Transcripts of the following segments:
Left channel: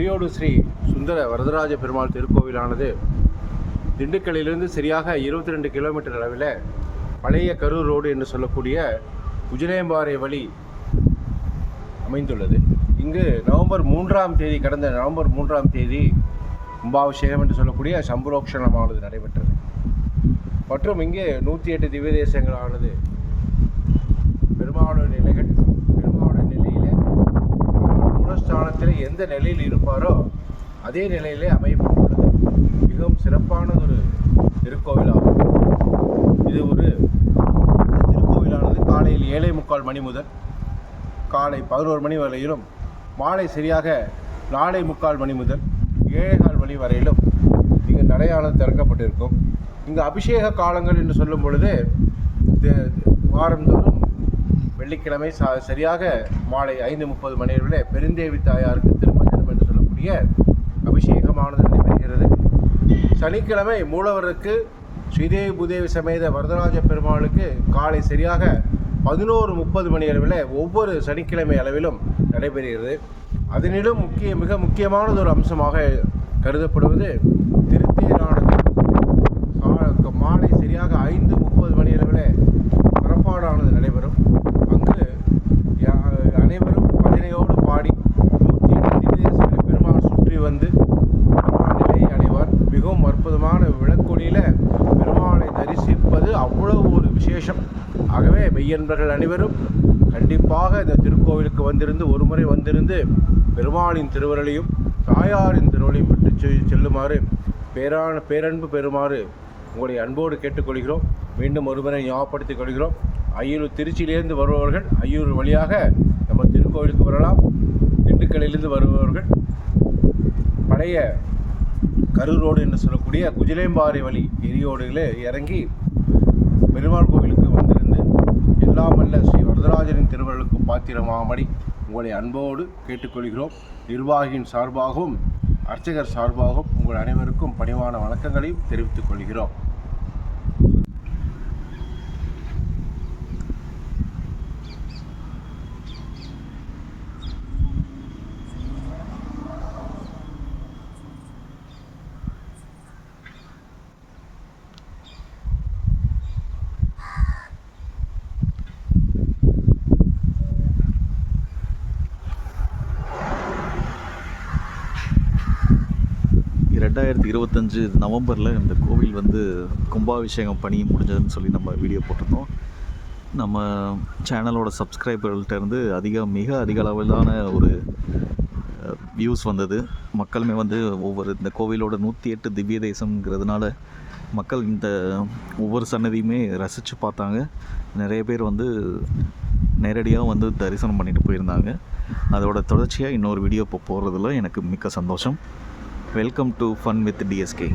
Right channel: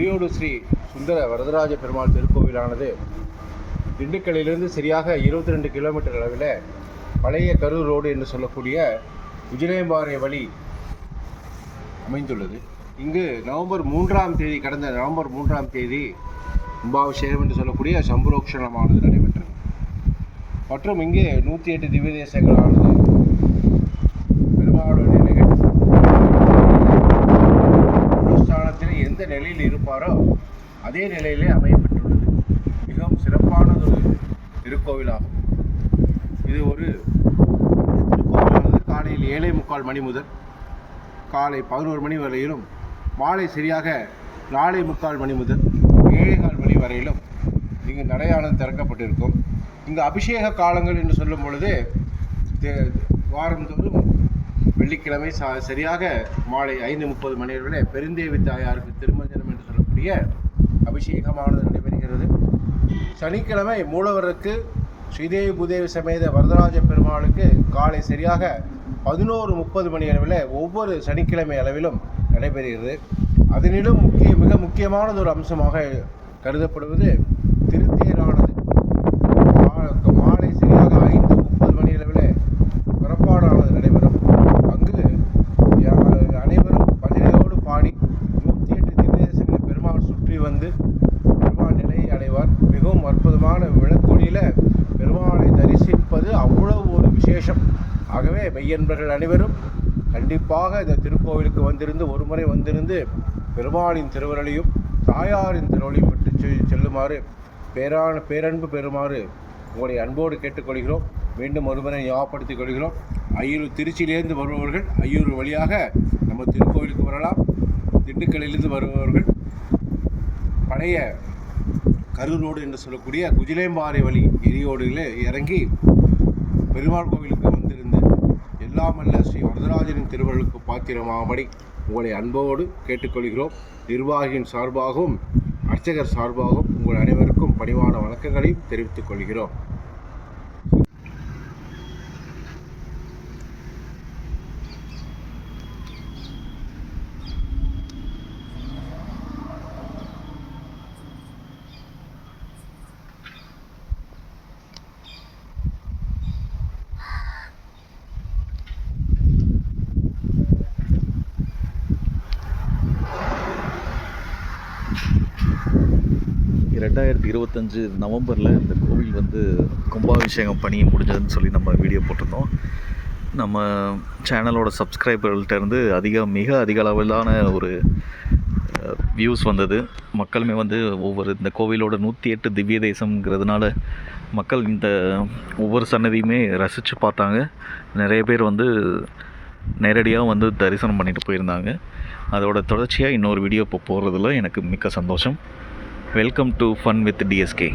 எரியோடு ஸ்ரீ சுந்தர வரதராஜ பெருமாள் திருக்கோவிலானது திண்டுக்கல்லிலிருந்து சரியாக 22 கிலோமீட்டர் அளவில் பழைய கரூர் ரோடு என்று சொல்லக்கூடிய உஜிலேம்பாறை வழி அமைந்துள்ளது. இங்கு கடந்த நவம்பர் 3ஆம் தேதி கும்பாபிஷேகம் என்று சொல்லக்கூடிய சம்புரோக்ஷணமானது நடைபெற்றது. மற்றும் இங்கே 108 திவ்ய தேசங்களானது பெருமாளுடைய நிலைகள் ஸ்தானத்தில் எந்த நிலையில் இருப்பாரோ அதே நிலையிலே அமையப்பட்டுள்ளது. மிகவும் சிறப்பான ஒரு திருக்கோவிலாகும். இது ஒரு காலையில் 7:45 மணி முதல் காலை 11 மணி வரையிலும், மாலை சரியாக 4:45 மணி முதல் 7:15 மணி வரையிலும் இங்கு நடையாளம் திறக்கப்பட்டிருக்கும். இங்கு அபிஷேக காலங்கள் என்று சொல்லும் பொழுது வாரந்தோறும் வெள்ளிக்கிழமை சரியாக மாலை 5:30 மணி அளவில் பெருந்தேவி தாயாருக்கு திருமஞ்சனம் என்று சொல்லக்கூடிய அபிஷேகமானது நடைபெறுகிறது. சனிக்கிழமை மூலவருக்கு ஸ்ரீதேவி பூதேவி சமேத வரதராஜ பெருமாளுக்கு காலை சரியாக 11:30 மணி அளவில் ஒவ்வொரு சனிக்கிழமை அளவிலும் நடைபெறுகிறது. அதனிலும் மிக முக்கியமானது ஒரு அம்சமாக கருதப்படுவது திருத்தேரானது மாலை சரியாக 5:30 மணி அளவில் புறப்பாடானது நடைபெறும். அங்கு அனைவரும் பஜனையோடு பாடி 108 பெருமாள் சுற்றி வந்து நிலையை அடைவார். மிகவும் அற்புதமான விளக்கொலியில் பெருமாளை தரிசிப்பது அவ்வளவு ஒரு விசேஷம். ஆகவே மெய்யன்பர்கள் அனைவரும் கண்டிப்பாக இந்த திருக்கோவிலுக்கு ஒரு முறை வந்திருந்து பெருமாளின் திருவருளையும் தாயாரின் திருவருளையும் விட்டு செல்லுமாறு பேரன்பு பெறுமாறு உங்களை அன்போடு கேட்டுக்கொள்கிறோம். மீண்டும் ஒருமுறை ஞாபகப்படுத்திக் கொள்கிறோம். திருச்சியிலிருந்து வருபவர்கள் ஐயூர் வழியாக நம்ம திருக்கோவிலுக்கு வரலாம். திண்டுக்கல்லிலிருந்து வருபவர்கள் பழைய கரூர் ரோடு என்று சொல்லக்கூடிய குஜிலேம்பாறை வழி எரியோடுகளே இறங்கி பெருமாள் கோவிலுக்கு வந்திருந்து எல்லாம் வல்ல ஸ்ரீ வரதராஜனின் திருவருளுக்கு பாத்திரமாகும்படி உங்களை அன்போடு கேட்டுக்கொள்கிறோம். நிர்வாகியின் சார்பாகவும் அர்ச்சகர் சார்பாகவும் உங்கள் அனைவருக்கும் பணிவான வணக்கங்களையும் தெரிவித்துக் கொள்கிறோம். நவம்பரில் இந்த கோவில் கும்பாபிஷேகம் பணி முடிஞ்சதுன்னு சொல்லி நம்ம வீடியோ போட்டிருந்தோம். நம்ம சேனலோட சப்ஸ்கிரைபர்கள்ட்டேருந்து மிக அதிக அளவிலான ஒரு வியூஸ் வந்தது. மக்களுமே இந்த கோவிலோட 108 திவ்ய தேசம்ங்கிறதுனால மக்கள் இந்த ஒவ்வொரு சன்னதியுமே ரசித்து பார்த்தாங்க. நிறைய பேர் நேரடியாக தரிசனம் பண்ணிட்டு போயிருந்தாங்க. அதோட தொடர்ச்சியாக இன்னொரு வீடியோ இப்போ போடுறதுல எனக்கு மிக்க சந்தோஷம். Welcome to fun with TSK.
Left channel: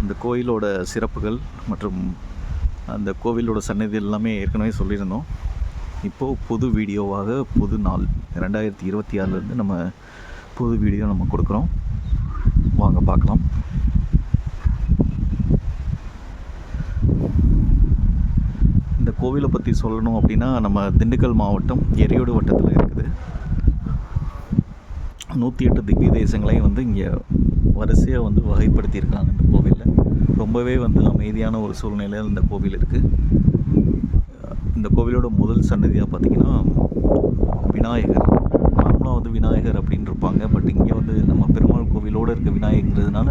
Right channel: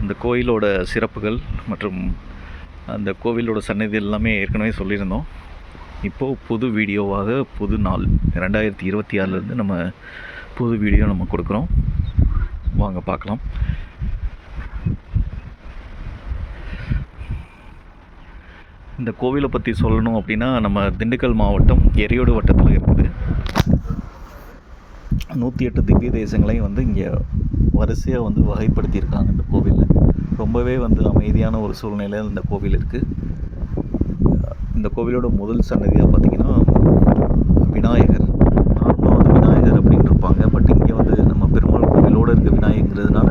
அந்த கோயிலோட சிறப்புகள் மற்றும் அந்த கோவிலோட சன்னதி எல்லாமே ஏற்கனவே சொல்லியிருந்தோம். இப்போது புது வீடியோவாக புது நாள் 2026 நம்ம புது வீடியோ நம்ம கொடுக்குறோம். வாங்க பார்க்கலாம். இந்த கோவிலை பற்றி சொல்லணும் அப்படின்னா, நம்ம திண்டுக்கல் மாவட்டம் எரியோடு வட்டத்தில் இருக்குது. 108 திவ்ய தேசங்களையும் இங்கே வரிசையாக வகைப்படுத்தியிருக்காங்க. இந்த கோவிலில் ரொம்பவே அமைதியான ஒரு சூழ்நிலையில் இந்த கோவில் இருக்குது. இந்த கோவிலோட முதல் சன்னதியாக பார்த்திங்கன்னா விநாயகர். நார்மலாக விநாயகர் அப்படின்னு இருப்பாங்க. பட் இங்கே நம்ம பெருமாள் கோவிலோடு இருக்க விநாயகங்கிறதுனால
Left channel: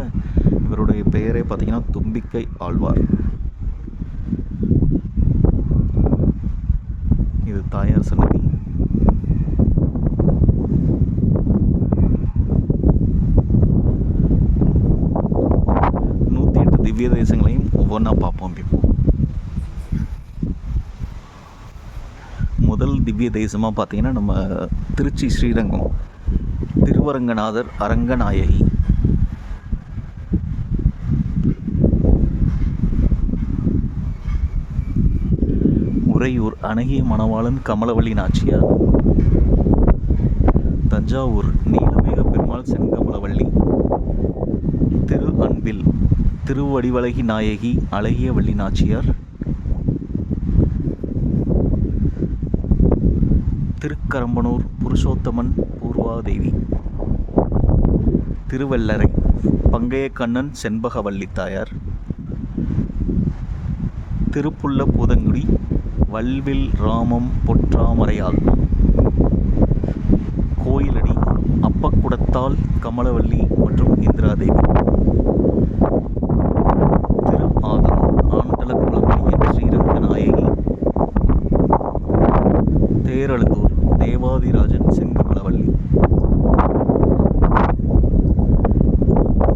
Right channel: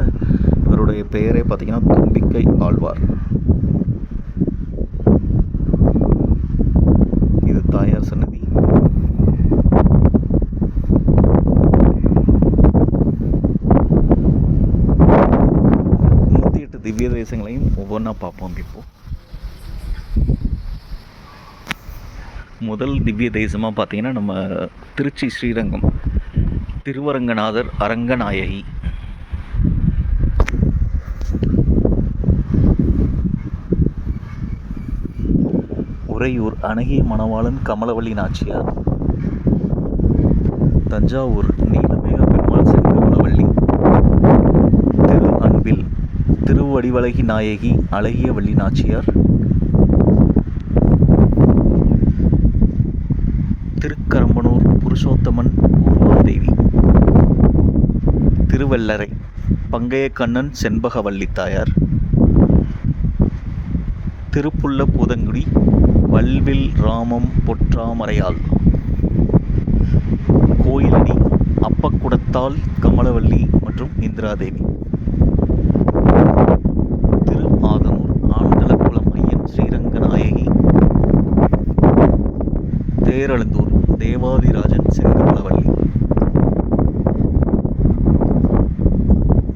இவருடைய பெயரே பார்த்திங்கன்னா தும்பிக்கை ஆழ்வார். இது தாயார் சன்னதி. திவ்ய தேசங்களையும் ஒவ்வொன்றா பார்ப்போம். இப்போ முதல் திவ்ய தேசமாக பார்த்தீங்கன்னா நம்ம திருச்சி ஸ்ரீரங்கம் திருவரங்கநாதர் அரங்கநாயகி. உறையூர் அழகிய மணவாளன் கமலவள்ளி நாச்சியார். தஞ்சாவூர் நீலமேக பெருமாள் செங்கமலவள்ளி. திரு அன்பில் திருவடிவழகி நாயகி அழகிய வள்ளி நாச்சியார். திருக்கரம்பனூர் புருஷோத்தமன் பூர்வாதேவி. திருவெள்ளரை பங்கையக்கண்ணன் செண்பகவல்லி தாயார். திருப்புள்ள பூதங்குடி வல்வில் ராமம் பொற்றாமரையாள். கோயிலடி அப்பக்குடத்தால் கமலவல்லி மற்றும் இந்திராதேவி. திரு ஆதனூர் ஆண்டலக்குளம்படியின் ஸ்ரீரங்கநாயகி. தேரழுந்தூர் தேவாதிராஜன் செங்கமலவல்லி.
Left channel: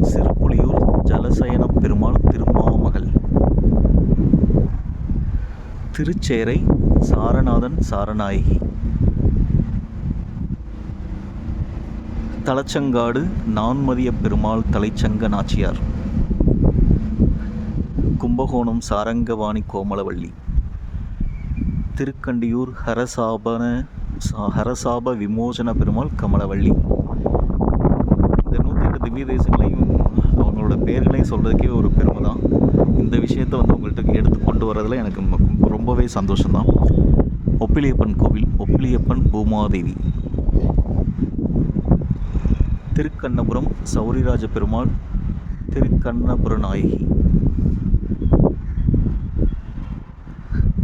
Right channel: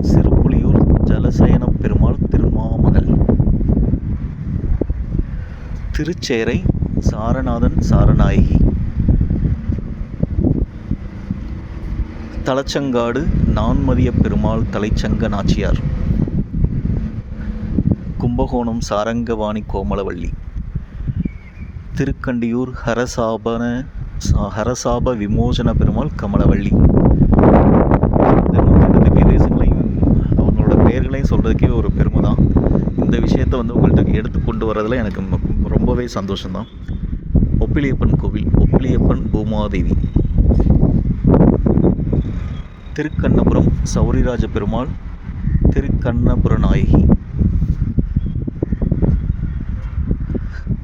சிறுப்புலியூர் ஜலசயனப் பெருமாள் திருமாமகள். திருச்சேரை சாரநாதன் சாரநாயகி. தலச்சங்காடு நான்மதிய பெருமாள் தலைச்சங்க நாச்சியார். கும்பகோணம் சாரங்கவாணி கோமலவல்லி. திருக்கண்டியூர் ஹரசாப விமோசன பெருமாள் கமலவல்லி. இந்த 108 திவ்ய தேசங்களையும் அவங்களோட பெயர்களையும் சொல்கிறதுக்கே ஒரு பெருமை தான். இந்த விஷயத்தை வந்து உங்கள்கிட்ட எடுத்து கொண்டு வரதில் எனக்கு ரொம்பவே சந்தோஷம்தான். ஒப்பிலியப்பன் கோவில் ஒப்பிலியப்பன் பூமாதேவி. திருக்கண்ணபுரம் சௌரிராஜ பெருமாள் திருக்கண்ணபுர நாயகி.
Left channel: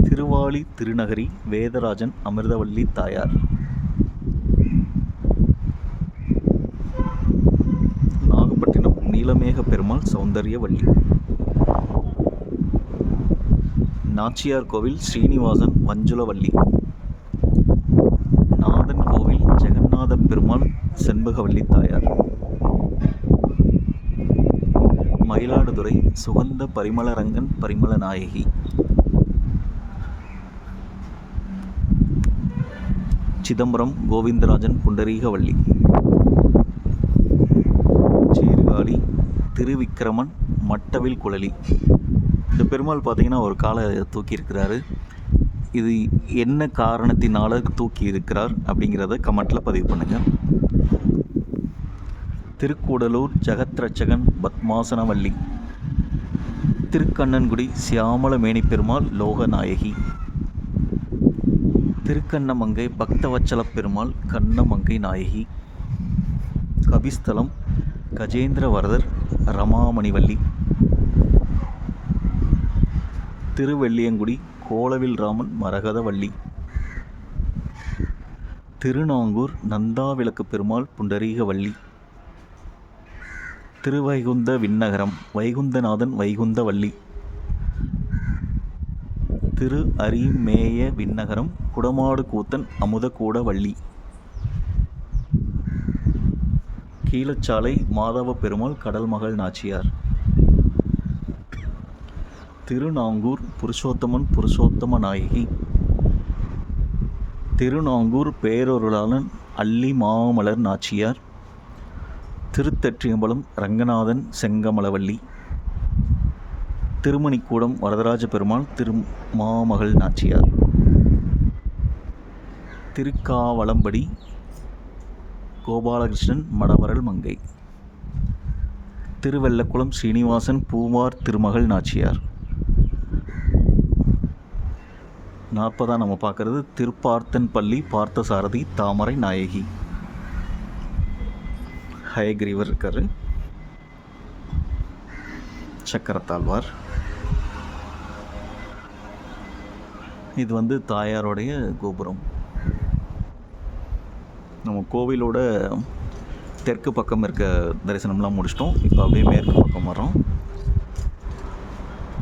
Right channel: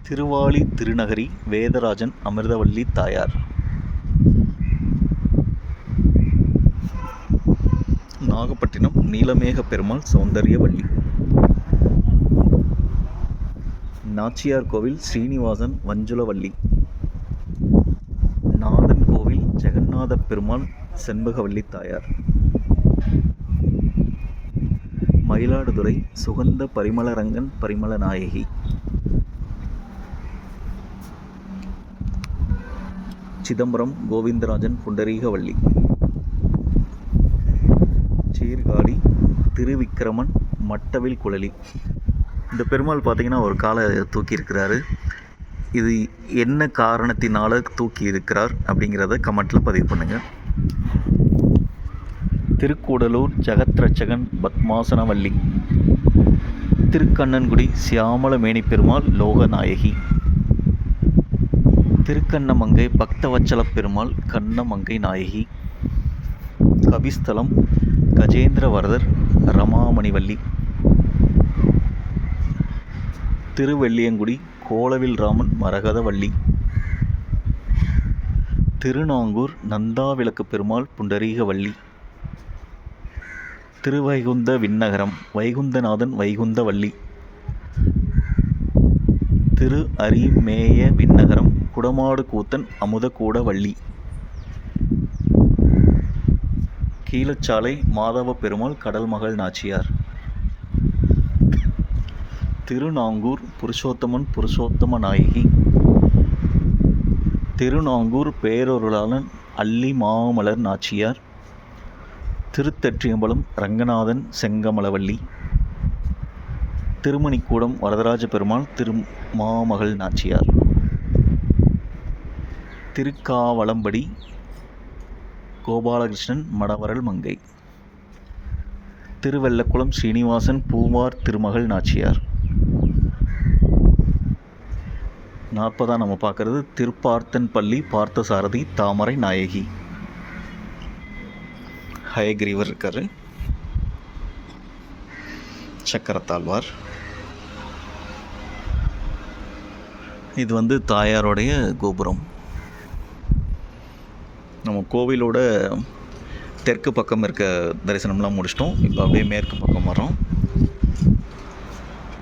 திருவாலி திருநகரி வேதராஜன் அமிர்தவல்லி தாயார். நாகப்பட்டினம் நீலமேக பெருமாள் சௌந்தர்யவல்லி. நாச்சியார் கோவில் ஸ்ரீனிவாசன் வஞ்சுலவல்லி. நாதன் கோவில் ஜெகநாத பெருமாள் செண்பகவல்லி தாயார். மயிலாடுதுறை சுகந்த பரிமளரங்கன் பரிமள நாயகி. சிதம்பரம் கோவிந்தராஜன் புண்டரீகவல்லி. சீர்காழி திருவிக்கிரமன் மட்டவில் குழலி. இந்த பெருமாள் பார்த்திங்கன்னா ஒரு காலை தூக்கியிருக்கிறாரு. இது என்ன காரணத்தினால தூக்கி இருக்கிறார் அப்படிங்கிறத கமெண்ட்டில் பதிவு பண்ணுங்கள். திருக்கூடலூர் ஜெகத்ரட்சகன் பத்மாசனவல்லி. திருக்கண்ணன்குடி சியாமலமேனி பெருமாள் லோகநாயகி. திருக்கண்ணமங்கை பக்தவச்சல பெருமாள் கண்ணமங்கை நாயகி. கபிஸ்தலம் கஜேந்திரவரதர் ரமாமணிவல்லி. திருவெள்ளியங்குடி கோலவில் ராமன் மரகதவல்லி. திருநாங்கூர் நந்தாவிளக்கு பெருமாள் புண்டரீகவல்லி. திருவைகுந்த விண்ணகரம் வைகுந்தநாதன் வைகுந்தவல்லி. திரு அரிமேய விண்ணகரம் குடமாடு கூத்தன் அமுதகூடவல்லி. கீழச்சாலை மாதவ பெருமாள் கடல்மகள் நாச்சியார். திருநாங்கூர் புருஷோத்தமன் புருஷோத்தம நாயகி. திருநாங்கூர் பேரொருளாளன் அல்லி மாமலர் நாச்சியார். திருத்தெற்றியம்பலம் ரங்கநாதன் செங்கமலவல்லி. திருமணிக்கூடம் வரதராஜ பெருமாள் திருமாமகள் நாச்சியார். திருக்காவலம்படி கோபாலகிருஷ்ணன் மடவரல் மங்கை. திருவெள்ளக்குளம் ஸ்ரீனிவாசன் பூவார் திருமகள் நாச்சியார். 40 நம்ம பார்க்குறது திருப்பார்த்தன்பள்ளி பார்த்தசாரதி தாமரை நாயகி. ஹயக்ரீவர் இருக்கார். சக்கரத்தாழ்வார். இது வந்து தாயாருடைய கோபுரம். நம்ம கோவிலோட தெற்கு பக்கம் இருக்க தரிசனம்லாம் முடிச்சிட்டோம். இப்போ அப்படியே மேற்கு பக்கம் வரோம்.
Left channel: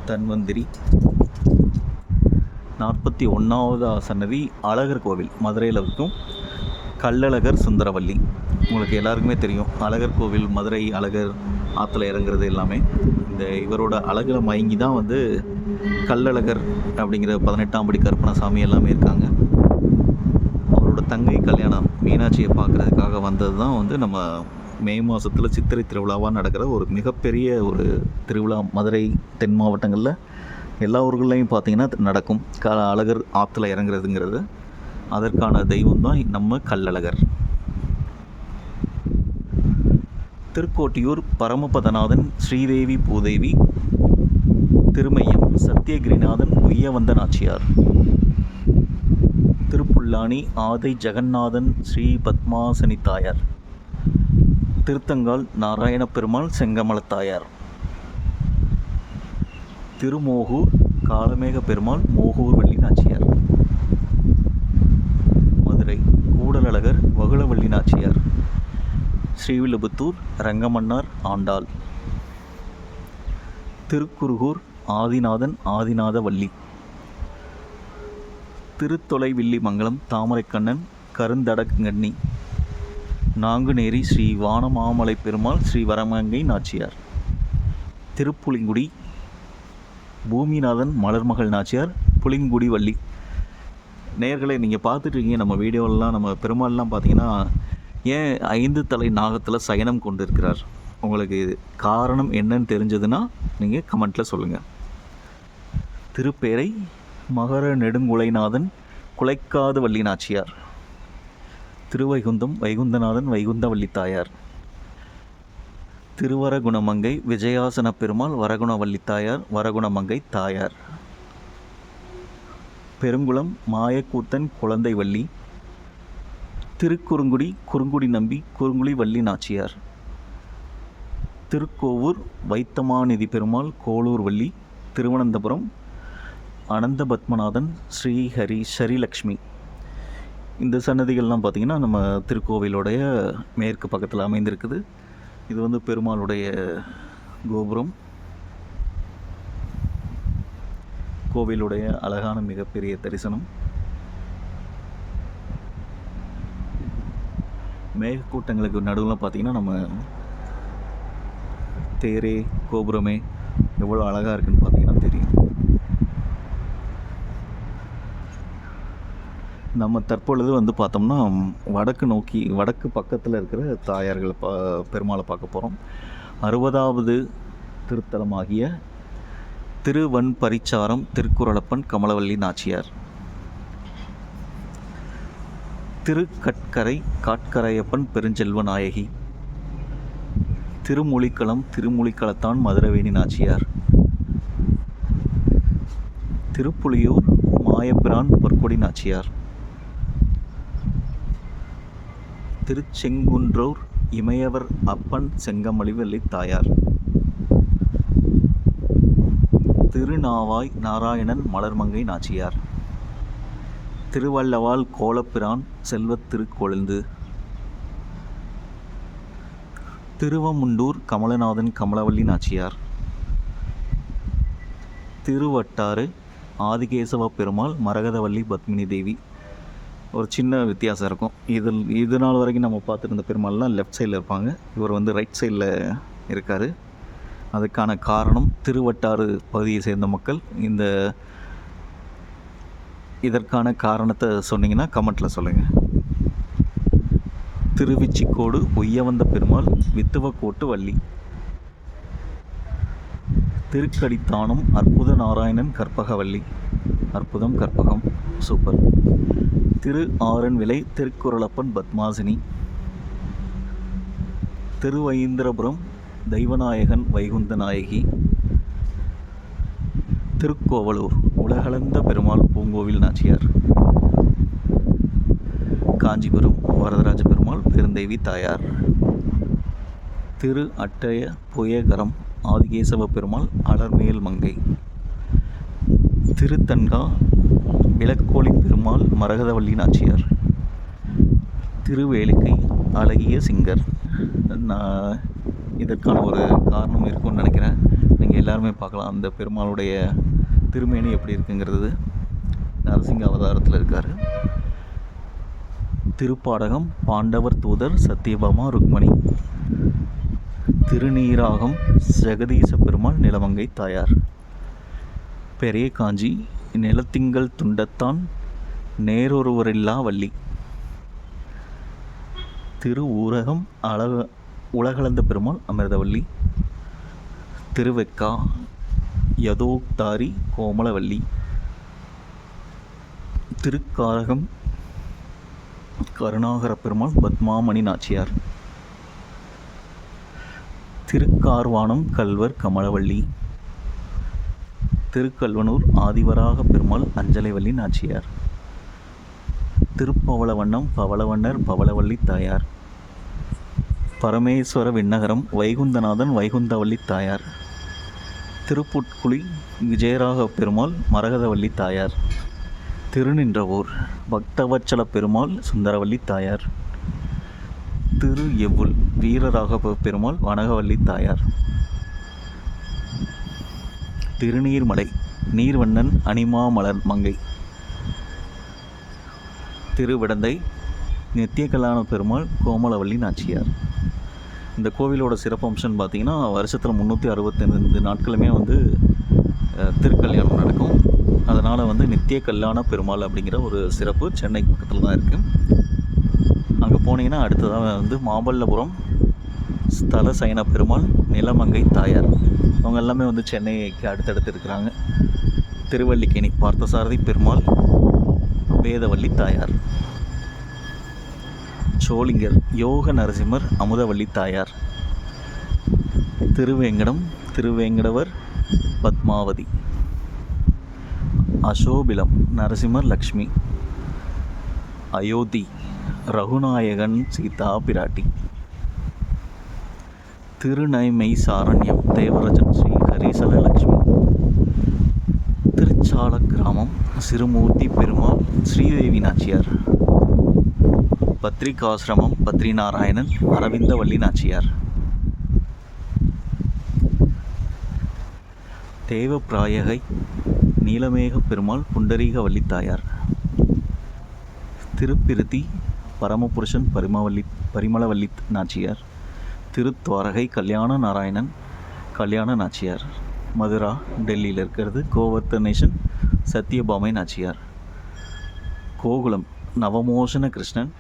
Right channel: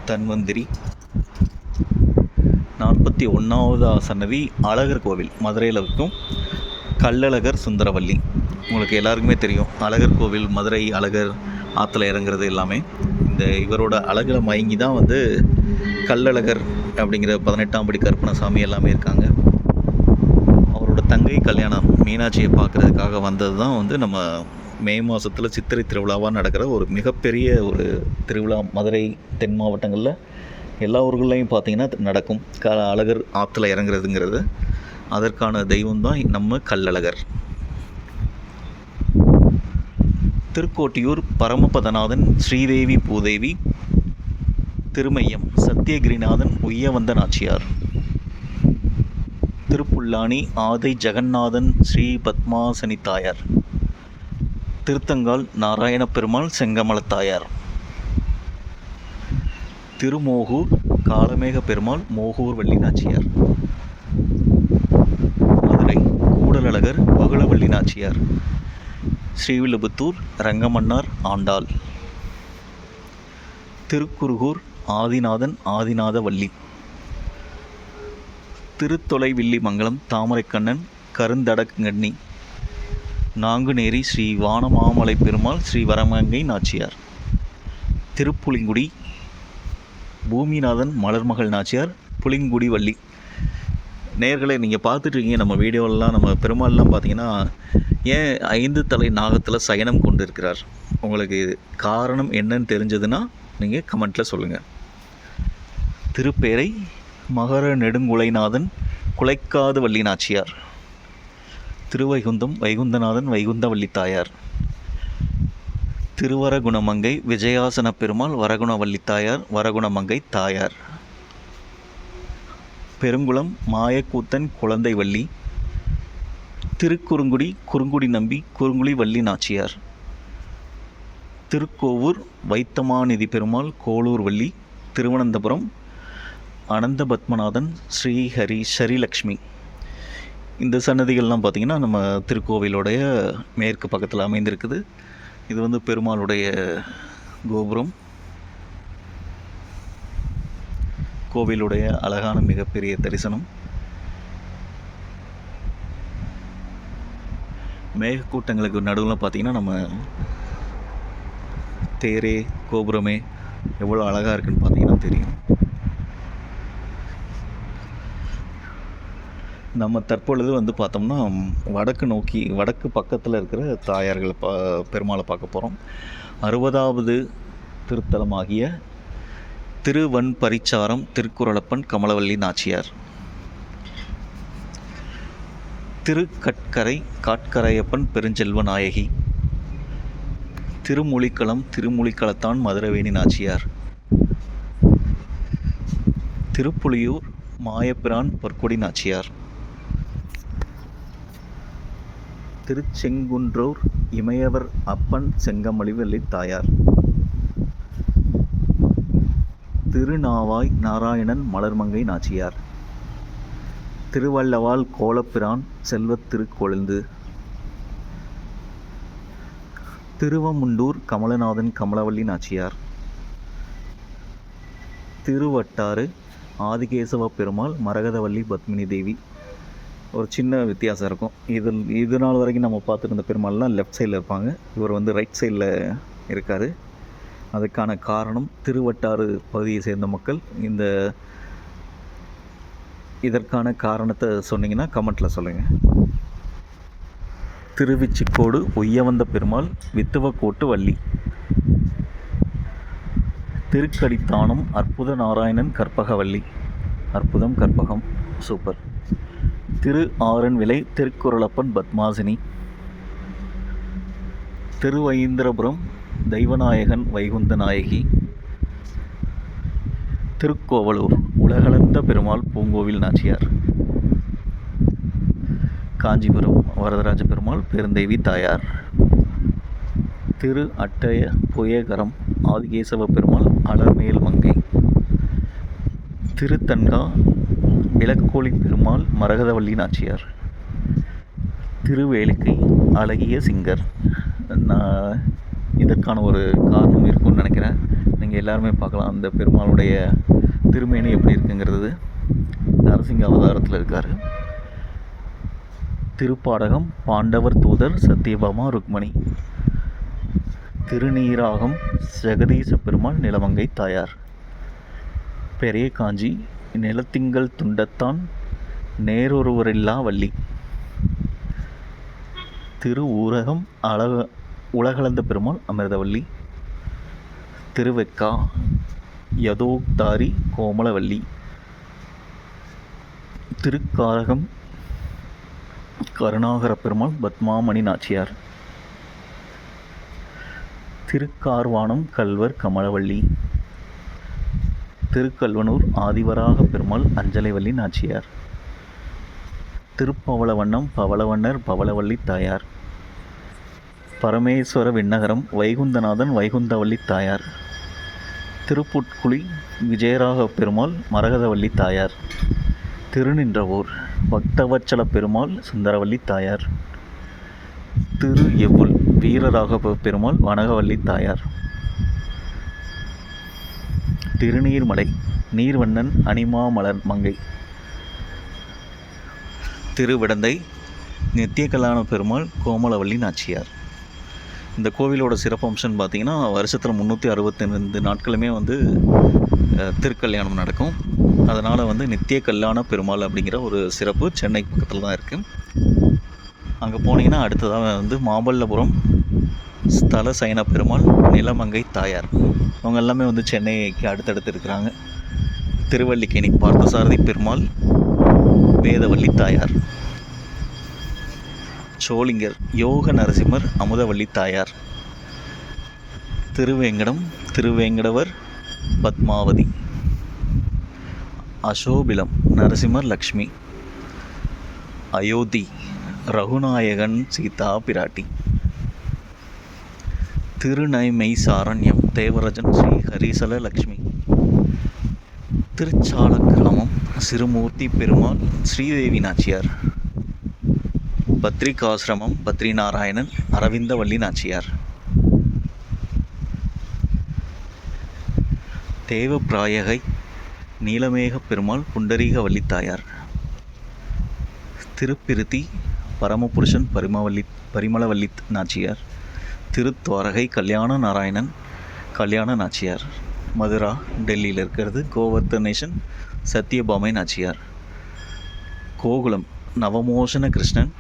தன்வந்திரி 41வது சன்னதி அழகர் கோவில் மதுரையில் இருக்கும். கள்ளழகர் சுந்தரவல்லி. உங்களுக்கு எல்லாருக்குமே தெரியும் அழகர் கோவில் மதுரை அழகர் ஆற்றுல இறங்குறது எல்லாமே இந்த இவரோட அழகில் மயங்கி தான் வந்து கள்ளழகர் அப்படிங்கிற 18ஆம் படி கருப்பணசாமி எல்லாமே இருக்காங்க. அவரோட தங்கை கல்யாணம் மீனாட்சியை பார்க்குறதுக்காக வந்தது தான் வந்து நம்ம மே மாதத்தில் சித்திரை திருவிழாவாக நடக்கிற ஒரு மிகப்பெரிய ஒரு திருவிழா. மதுரை தென் மாவட்டங்களில் எல்லா ஊர்கள்லையும் பார்த்திங்கன்னா நடக்கும். அழகர் ஆற்றுல இறங்குறதுங்கிறது. அதற்கான தெய்வம் தான் நம்ம கள்ளழகர். திருக்கோட்டியூர் பரமபதநாதன் ஸ்ரீதேவி பூதேவி. திருமையம் சத்தியகிரிநாதன் உய்யவந்த நாச்சியார். திருப்புல்லானி ஆதி ஜெகநாதன் ஸ்ரீ பத்மாசனி தாயார். திருத்தங்கால் நாராயண பெருமாள் செங்கமலத்தாயார். திருமோகூர் காலமேக பெருமாள் மோகூர் வள்ளி நாச்சியார். மதுரை கூடலழகர் வகுளவள்ளி நாச்சியார். ஸ்ரீவில்லிபுத்தூர் ரங்கமன்னார் ஆண்டாள். திருக்குருகூர் ஆதிநாதன் ஆதிநாத வள்ளி. திருத்தொலைவில்லி மங்கலம் தாமரைக்கண்ணன் கருந்தடங்கண்ணி. நாங்குநேரி ஸ்ரீ வானமாமலை பெருமாள் ஸ்ரீ வரமங்கை நாச்சியார். திருப்புலிங்குடி பூமிநாதன் மலர்மகள் நாச்சியார் புலிங்குடி வள்ளி. நேயர்களே, நீங்கள் பார்த்துட்ருக்கீங்க நம்ம வீடியோலாம். நம்ம பெருமாள்லாம் பார்த்தீங்கன்னா ஏன் 5 தலை நாகத்தில் சயனம் கொண்டு இருக்கிறார்? உங்களுக்கு காரணம் என்னன்னு தெரிஞ்சதுன்னா நீங்கள் கமெண்ட்டில் சொல்லுங்கள். திருப்பேரை மகர நெடுங்குலைநாதன் குலைக்காது வள்ளி நாச்சியார். திருவைகுந்தம் வைகுந்தநாதன் வைகுந்தவள்ளி தாயார். திருவரகுணமங்கை விஜயாசன பெருமாள் வரகுணவள்ளி தாயார் வரகுணமங்கை தாயார். பெருங்குளம் மாயக்கூத்தன் குழந்தை வள்ளி. திருக்குறுங்குடி குறுங்குடி நம்பி குறுங்குடி வள்ளி நாச்சியார். திருக்கோவூர் வைத்தமாநிதி பெருமாள் கோளூர் வள்ளி. திருவனந்தபுரம் அனந்த பத்மநாதன் ஸ்ரீஹரி ஸ்ரீலக்ஷ்மி. இந்த சன்னதிகள்லாம் பார்த்திங்கன்னா நம்ம திருக்கோவிலுடைய மேற்கு பக்கத்தில் அமைந்திருக்குது. இது வந்து பெருமாளுடைய கோபுரம். கோவிலுடைய அழகான மிகப்பெரிய தரிசனம். மேகக்கூட்டங்களுக்கு நடுவில் பார்த்திங்கன்னா நம்ம தேரே கோபுரமே எவ்வளோ அழகாக இருக்குன்னு பார்த்தீங்கன்னா தெரியும். நம்ம தற்பொழுது வந்து பார்த்தோம்னா வடக்கு நோக்கி வடக்கு பக்கத்தில் இருக்கிற தாயார்களை பெருமாளை பார்க்க போகிறோம். 60வது திருத்தலமாகிய திருவன்பரிச்சாரம் திருக்குறளப்பன் கமலவள்ளி நாச்சியார். திருக்கட்கரை காட்கரையப்பன் பெருஞ்செல்வ நாயகி. திருமொழிக்களம் திருமொழிக்களத்தான் மதுரவேணி நாச்சியார். திருப்புலியூர் மாயப்பிரான் பொற்கொடி நாச்சியார். திருச்செங்குன்றூர் இமயவர் அப்பன் செங்கமலிவள்ளி தாயார். திருநாவாய் நாராயணன் மலர்மங்கை நாச்சியார். திருவள்ளவால் கோலப்பிரான் செல்வத் திருக்கொழுந்து. திருவமுண்டூர் கமலநாதன் கமலவள்ளி நாச்சியார். திருவட்டாறு ஆதிகேசவ பெருமாள் மரகதவள்ளி பத்மினி தேவி. ஒரு சின்ன வித்தியாசம் இருக்கும். இது நாள் வரைக்கும் நம்ம பார்த்துருந்த பெருமாள்லாம் லெஃப்ட் சைடில் இருப்பாங்க. இவர் வந்து ரைட் சைடில் இருக்கார். அதுக்கான காரணம் திருவட்டாறு பகுதியை சேர்ந்த மக்கள் இதற்கான காரணத்தை சொன்னீங்கன்னா கமெண்ட்டில் சொல்லுங்கள். திருவிச்சிக்கோடு உய்யவந்த பெருமாள் வித்துவக்கோட்டு வள்ளி. திருக்கடித்தானம் அற்புத நாராயணன் கற்பகவள்ளி. அற்புதம் கற்பகம் சூப்பர். திரு ஆரன்விளை திருக்குறளப்பன் பத்மாசினி. திருவைந்திரபுரம் தெய்வநாயகன் வைகுந்த நாயகி. திருக்கோவலூர் உலகளந்த பெருமாள் பூங்கோவில் நாச்சியார். காஞ்சிபுரம் வரதராஜ பெருமாள் பெருந்தேவி தாயார். திரு அட்டய புயகரம் ஆதிகேசவ பெருமாள் அலர்மேல் மங்கை. திருத்தன்கா விளக்கோலி பெருமாள் மரகதவள்ளி நாச்சியார். திருவேலிக்கை அழகிய சிங்கர். இதற்கான ஒரு காரணம் இருக்குன்னு நினைக்கிறேன். நீங்கள் எல்லாருமே பார்க்கலாம் அந்த பெருமாளுடைய திருமேனி எப்படி இருக்குங்கிறது. நரசிங்க அவதாரத்தில் இருக்கார். திருப்பாடகம் பாண்டவர் தூதர் சத்யபாமா ருக்மணி. திருநீராகம் ஜெகதீச பெருமாள் நிலமங்கை தாயார். பெரிய காஞ்சி நிலத்திங்கள் துண்டத்தான் நேரொருவரில்லா வள்ளி. திரு ஊரகம் உலகளந்த பெருமாள் அமிர்தவள்ளி. திருவெக்கா யதோக்தாரி கோமலவள்ளி. திருக்காரகம் கருணாகர பெருமாள் பத்மாமணி நாச்சியார். திருக்கார்வானம் கல்வர் கமலவள்ளி. திருக்கல்வனூர் ஆதிவராக பெருமாள் அஞ்சலைவள்ளி நாச்சியார். திருப்பவளவண்ணம் பவளவண்ணர் பவளவள்ளி தாயார். பரமேஸ்வர விண்ணகரம் வைகுந்தநாதன் வைகுந்தவள்ளி தாயார். திருப்புட்குழி விஜயராக பெருமாள் மரகதவள்ளி தாயார். திருநின்றவூர் பக்தவச்சல பெருமாள் சுந்தரவள்ளி தாயார். திரு எவ்வுல் வீரராகவ பெருமாள் வனகவல்லி தாயார். திருநீர்மலை நீர்வண்ணன் அனிமாமலர் மங்கை. திருவிடந்தை நித்திய கல்யாண பெருமாள் கோமலவல்லி நாச்சியார். இந்த கோவிலோட சிறப்பம்சம்னு பார்த்திங்கன்னா வருஷத்தில் 365 நாட்களுமே வந்து திருக்கல்யாணம் நடக்கும். அதனால் வந்து நித்திய கல்யாண பெருமாள் அப்படிங்கிற ஒரு சிறப்பு சென்னை பக்கத்தில் தான் இருக்குது. அங்கே போனீங்கன்னா அடுத்ததாக வந்து மாமல்லபுரம் ஸ்தல சயன பெருமாள் நிலமங்கை தாயார். அவங்க எல்லாமே வந்து சென்னைக்கு அடுத்தடுத்து இருக்கிறாங்க. திருவல்லிக்கேணி பார்த்தசாரதி பெருமாள் வேதவல்லி தாயார். சோளிங்கர் யோக நரசிம்மர் அமுதவல்லி தாயார். திருவேங்கடவர் பத்மாவதி. அசோபிலம் நரசிம்மர் லக்ஷ்மி. அயோத்தி ரகுநாயகன் சீதா பிராட்டி. திருநைமை சாரண்யம் தேவராஜன் ஸ்ரீ ஹரிசல லக்ஷ்மி. திருச்சால கிராமம் சிறுமூர்த்தி பெருமாள் ஸ்ரீதேவி நாச்சியார். பத்ரிகாசிரமம் பத்ரிநாராயணன் அரவிந்தவல்லி நாச்சியார். தேவப்பிராயகை நீலமேக பெருமாள் புண்டரீகவல்லி தாயார். திருப்பிருத்தி பரமபுருஷன் பரிமளவல்லி நாச்சியார். திருத்வாரகை கல்யாண நாராயணன் கல்யாண நாச்சியார். மதுரா டெல்லியில் இருக்கிறது கோவர்த்தனேஷன் சத்யபாமை நாச்சியார். கோகுலம் நவமோசன கிருஷ்ணன்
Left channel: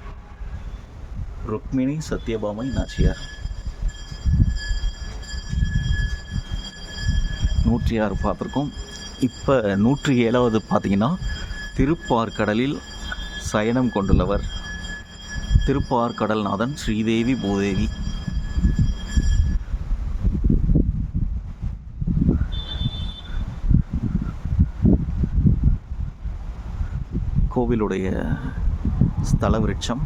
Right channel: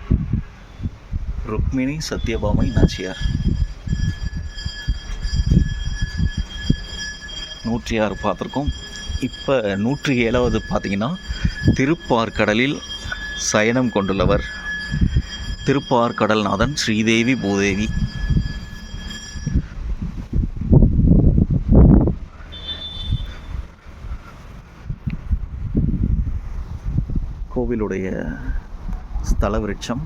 ருக்மிணி சத்யபாமை நாச்சியார். 106 பார்த்துருக்கோம். இப்போ 107வது பார்த்தீங்கன்னா திருப்பார்கடலில் சயனம் கொண்டுள்ளவர் திருப்பார்கடல்நாதன் ஸ்ரீதேவி பூதேவி. கோவிலுடைய ஸ்தல விருட்சம்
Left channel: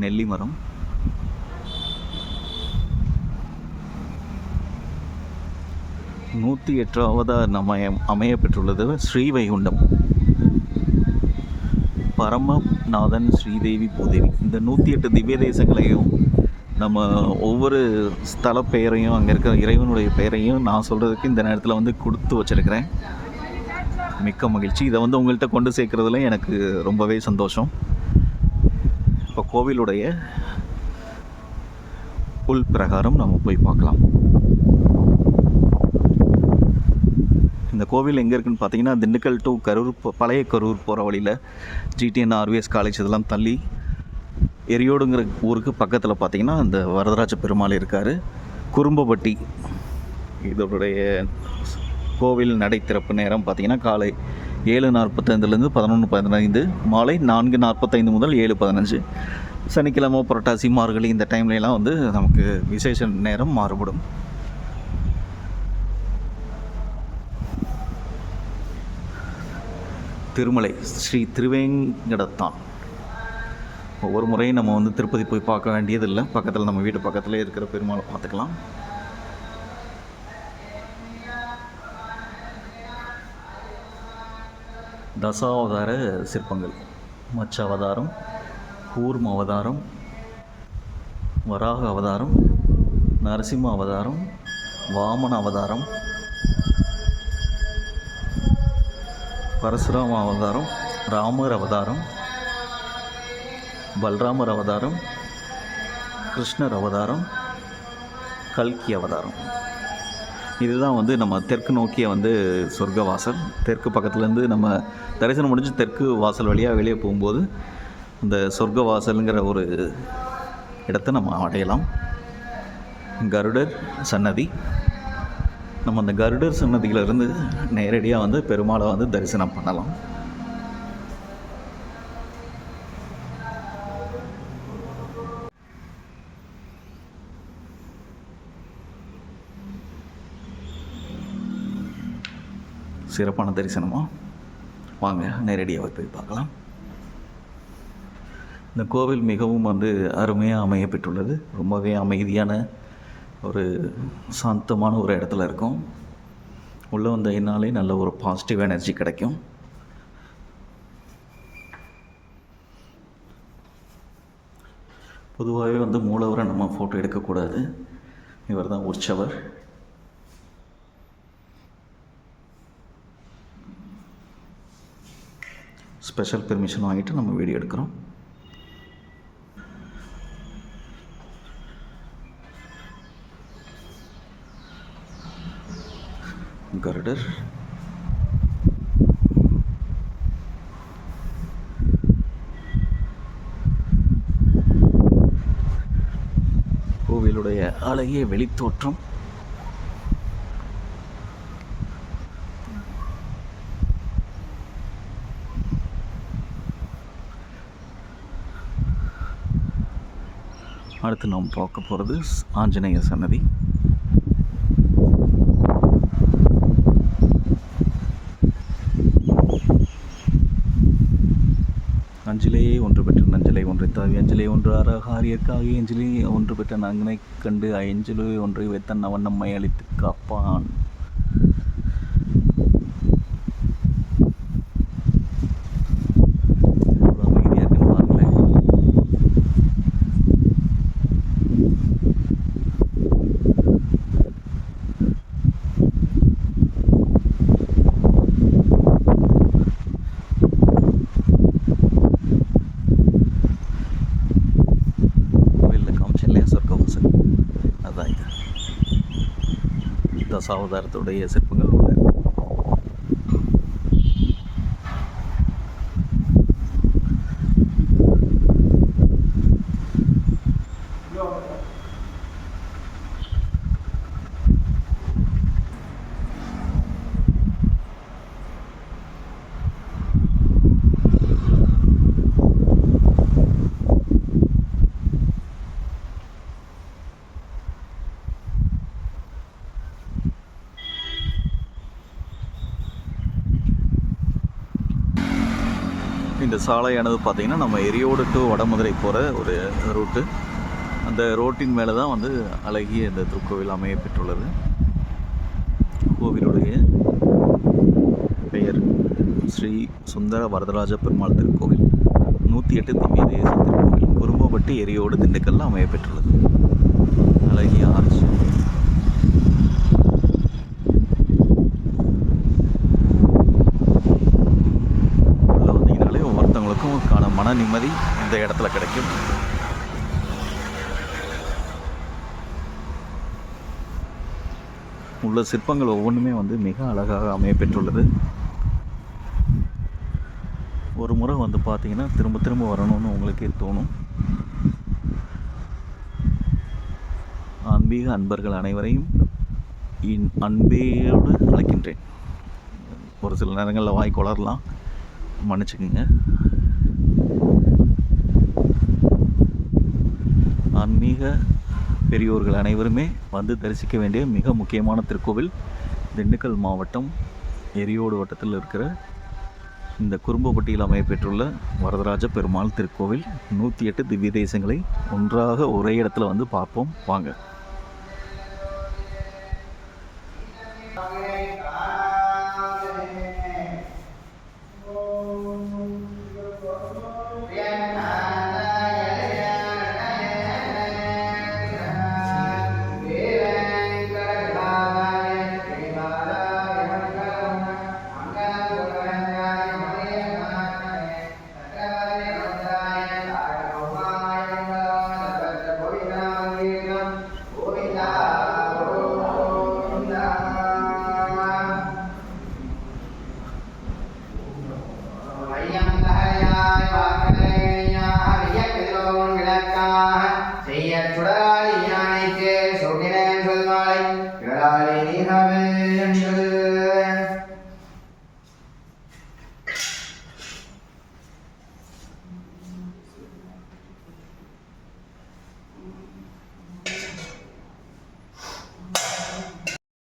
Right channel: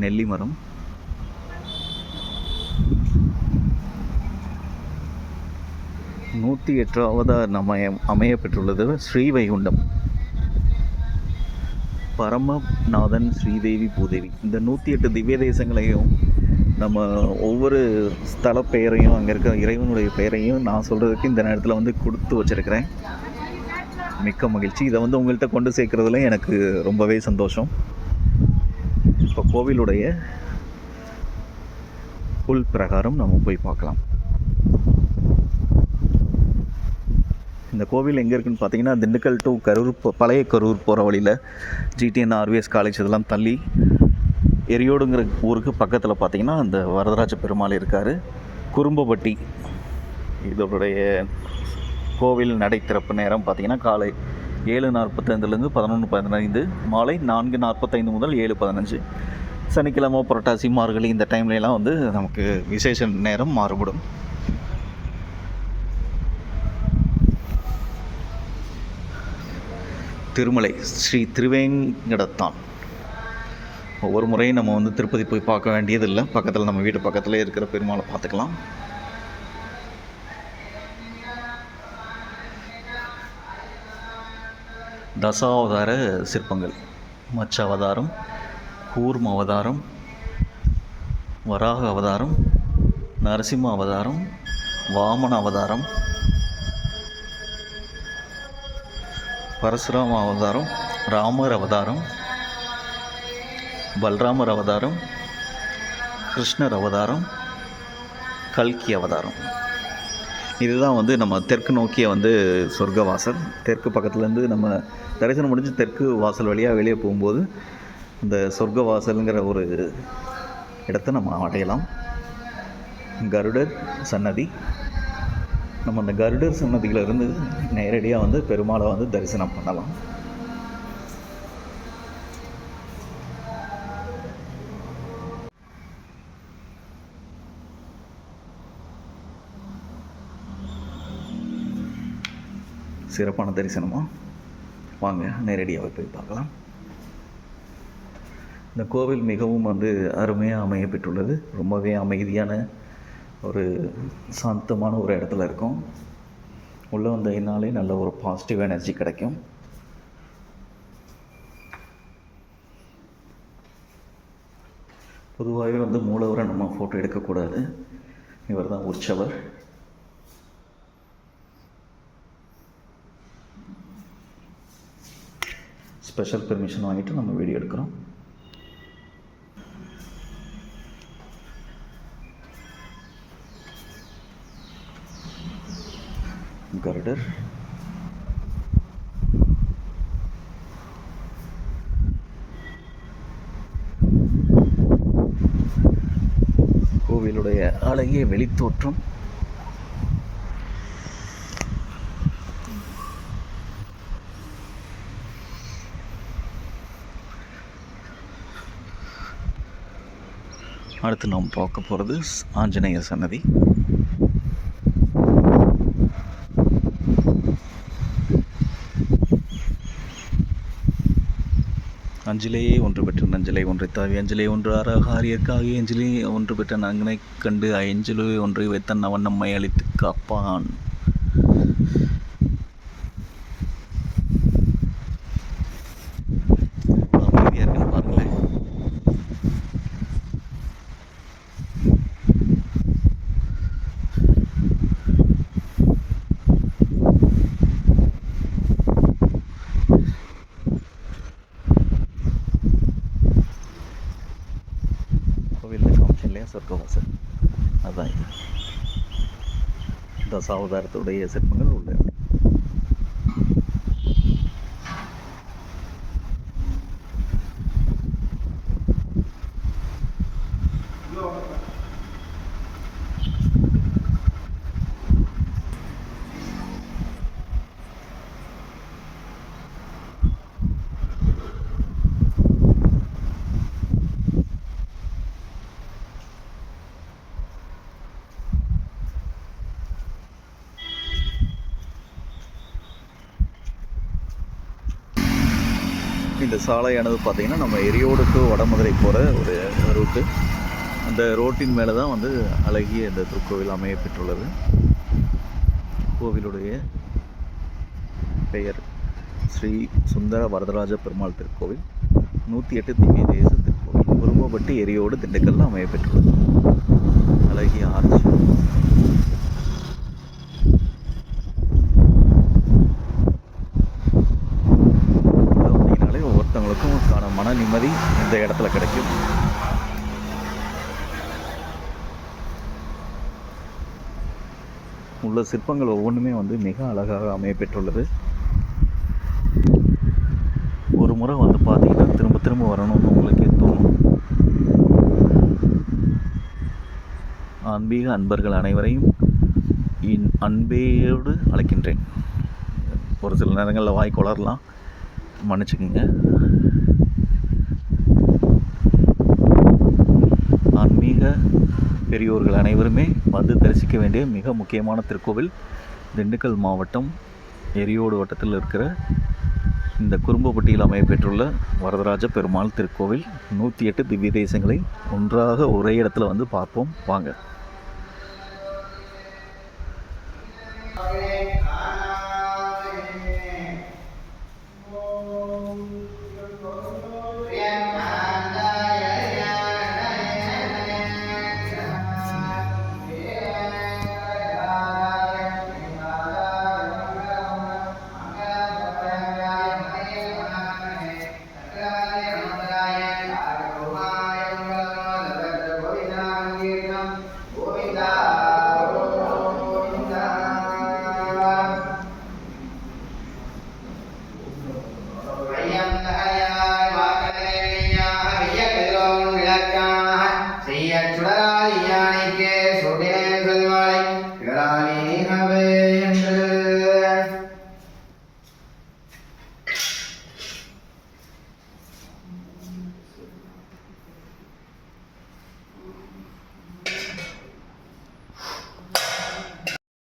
நெல்லிமரம். நூற்றி 8வது அமைய பெற்றுள்ளது ஸ்ரீவைகுண்டம் பரமநாதன் ஸ்ரீதேவி பூதேவி. இந்த 108 திவ்ய தேசங்களையும் நம்ம ஒவ்வொரு ஸ்தல பெயரையும் அங்கே இருக்கிற இறைவனுடைய பெயரையும் நான் சொல்கிறதுக்கு இந்த நேரத்தில் வந்து கொடுத்து வச்சுருக்கிறேன். மிக்க மகிழ்ச்சி. இதை வந்து உங்கள்கிட்ட கொண்டு சேர்க்குறதுல எனக்கு ரொம்பவே சந்தோஷம். இப்போ கோவிலுடைய உள் பிரகாரம் நம்ம போய் பார்க்கலாம். இந்த கோவில் எங்கே இருக்குதுன்னு பார்த்தீங்கன்னா திண்டுக்கல் டு கரூர் பழைய கரூர் போகிற வழியில் GTN RVS காலேஜ் இதெல்லாம் தள்ளி எரியோடுங்கிற ஊருக்கு பக்கத்தில் பார்த்தீங்கன்னா அந்த வரதராஜ பெருமாள் இருக்கார். குறும்பப்பட்டி இதோடைய கோவில் நடை திறப்பு நேரம் பார்த்திங்கன்னா காலை 7:45 11:15, மாலை 4:45 முதல் 7:15. சனிக்கிழமை புரட்டாசி மார்கழி இந்த டைம்லலாம் வந்து நமக்கு விசேஷ நேரம் மாறுபடும். திருமலை ஸ்ரீ திருவேங்கடத்தான். ஒவ்வொரு முறையும் நம்ம வந்து திருப்பதி போய் பார்க்க வேண்டியதில்லை. பக்கத்தில் நம்ம வீட்டு பக்கத்தில் இருக்கிற பெருமாளை பார்த்துக்கலாம். தசாவதார சிற்பங்கள் மச்ச அவதாரம், கூர்ம அவதாரம், வராக அவதாரம், நரசிம்ம அவதாரம், வாமன அவதாரம், பரசுராம அவதாரம், ராமர் அவதாரம், பல்ராமர் அவதாரம், கிருஷ்ணர் அவதாரம், கல்கி அவதாரம். இதுதான் வந்து நம்ம தெற்கு நோக்கிய வந்து சொர்க்க வாசல். தெற்கு பக்கத்துலேருந்து நம்ம தரிசனம் முடிஞ்சு தெற்கு வாசல் வழியாக வெளியே போகும்போது இந்த சொர்க்க வாசலுங்கிற ஒரு இடத்தை நம்ம அடையலாம். கருடர் சன்னதி. நம்ம அந்த கருடர் சன்னதியிலிருந்து நேரடியாக வந்து பெருமாளை வந்து தரிசனம் பண்ணலாம். சிறப்பான தரிசனமாக வாங்க நேரடியாக போய் பார்க்கலாம். இந்த கோவில் மிகவும் வந்து அருமையாக அமையப்பெற்றுள்ளது. ரொம்பவே அமைதியான ஒரு சாந்தமான ஒரு இடத்துல இருக்கும். உள்ளே வந்ததுனாலே நல்ல ஒரு பாசிட்டிவ் எனர்ஜி கிடைக்கும். பொதுவாகவே வந்து மூலவரை நம்ம ஃபோட்டோ எடுக்கக்கூடாது. இவர் தான் உற்சவர். ஸ்பெஷல் பெர்மிஷன் வாங்கிட்டு நம்ம வீடியோ எடுக்கிறோம். கருடர், கோவிலுடைய அழகிய வெளித்தோற்றம். அடுத்து நாம் பார்க்க போகிறது ஆஞ்சநேய சன்னதி. அஞ்சிலேயே ஒன்று பெற்ற நஞ்சலை ஒன்றை தாவி அஞ்சலே ஒன்று ஆரியற்காகி அஞ்சலி ஒன்று பெற்ற நங்கனை கண்டு அஞ்சலு ஒன்றை வைத்தன் அவன் நம்மை அழித்து காப்பான். அமைதியாக இருக்குன்னு பாருங்களேன். சொர்க்கவாசல் அதான் இது. தசாவதாரத்துடைய சிற்பங்கள் உள்ள இந்த சாலையானது பார்த்திங்கன்னா நம்ம எரியோடு டு வடமதுரை போகிற ஒரு ரூட்டு. அந்த ரோட்டின் மேலே தான் வந்து அழகிய இந்த திருக்கோவில் அமையப்பெற்றுள்ளது. கோவிலுடைய பெயர் ஸ்ரீ சுந்தர வரதராஜ பெருமாள் திருக்கோவில். 108 திவ்ய தேச திருக்கோவில். குரும்பப்பட்டி எரியோடு திண்டுக்கல்ல அமையப்பெற்றுள்ளது. அழகிய ஆர்ச்சி. ஒவ்வொருத்தவங்களுக்கும் மன நிம்மதி இந்த இடத்துல கிடைக்கும். உள்ள சிற்பங்கள் ஒவ்வொன்றுமே வந்து மிக அழகாக அமையப்பெற்றுள்ளது. ஒரு முறை வந்து பார்த்தீங்கன்னா திரும்ப திரும்ப வரணும்னு உங்களுக்கே தோணும். ஆன்மீக அன்பர்கள் அனைவரையும் அன்பேயோடு அழைக்கின்றேன். ஒரு சில நேரங்களில் வாய் கொளரலாம், மன்னிச்சுக்குங்க. ஆன்மீக பெரியோர்கள் அனைவருமே வந்து தரிசிக்க வேண்டிய மிக முக்கியமான திருக்கோவில் திண்டுக்கல் மாவட்டம் எரியோடு வட்டத்தில் இருக்கிற இந்த குரும்பப்பட்டியில் அமையப்பெற்றுள்ள வரதராஜ பெருமாள் திருக்கோவில். 108 திவ்ய தேசங்களை ஒன்றாக ஒரே இடத்துல வந்து பார்ப்போம் வாங்க.